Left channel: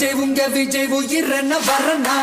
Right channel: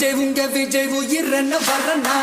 விஜய் உங்க விஜய் உயிரென வரனா